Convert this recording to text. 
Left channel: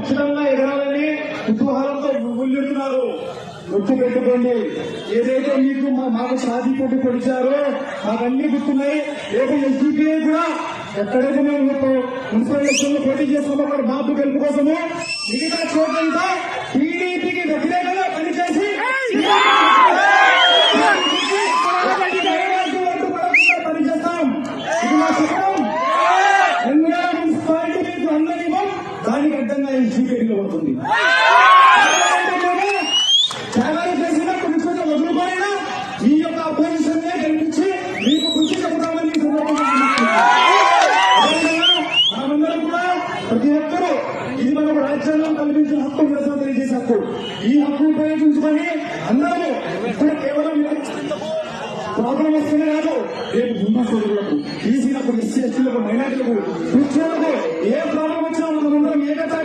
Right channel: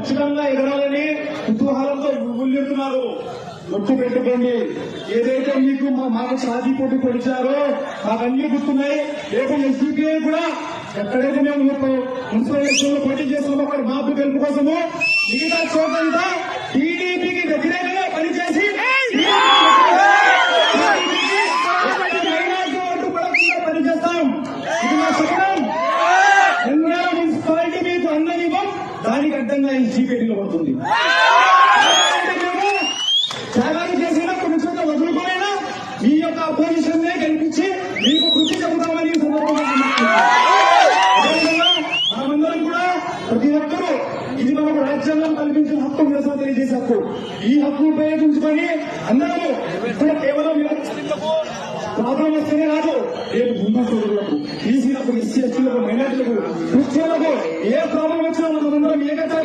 ఖచ్చితంగా ఎగరాలని కుతూహలంతో ముందున్నారు. నొక్కి పెట్టుకోండి. ఏదైతే మీకు మాకు షాదీ పోటీ పొడిచారో మాకన్నీ గుర్తున్నాయి. రేపు ఎస్డిపిఐ కూడా ఎక్కడైతే మేము మున్సిపల్ ఎలక్షన్ లో పోటీ చేస్తున్నాం అక్కడ మాకు గెలుపు కోసము మిగతా చోటంతా టీడీపీకి వ్యతిరేకంగా పనిచేసి పనిచేస్తాం. ఇది మా శకరం. మున్సిపాలిటీ మీకు అందనివ్వం, దానికి అడ్డంగా ఈ చీకటిలో పడుతుంది. త్యాగాలు చేసినా కొన్ని చోట్ల వదులుకోయినా మీ యొక్క అపోజిషన్ నే గెలిపించి మీకు కృషి చెబుతామని మనమందరం కూడా ప్రతి ఒక్కరూ ఇది మనకు రాజ్యాంగం కల్పించిన హక్కు, నిరసన తెలియజేసే హక్కు. ఈ హక్కు ఉపయోగించుకొని అందరూ ఇక్కడ కేవలం ప్రాబ్లం వస్తేనే కాదు, రేపు హింసలకు, ఈసీలకు, ఎస్సీ ఎస్టీలకు, మైనార్టీలకు, క్రిస్టియన్లకు ఏ ప్రాబ్లం వచ్చినా మనమందరం ఏకత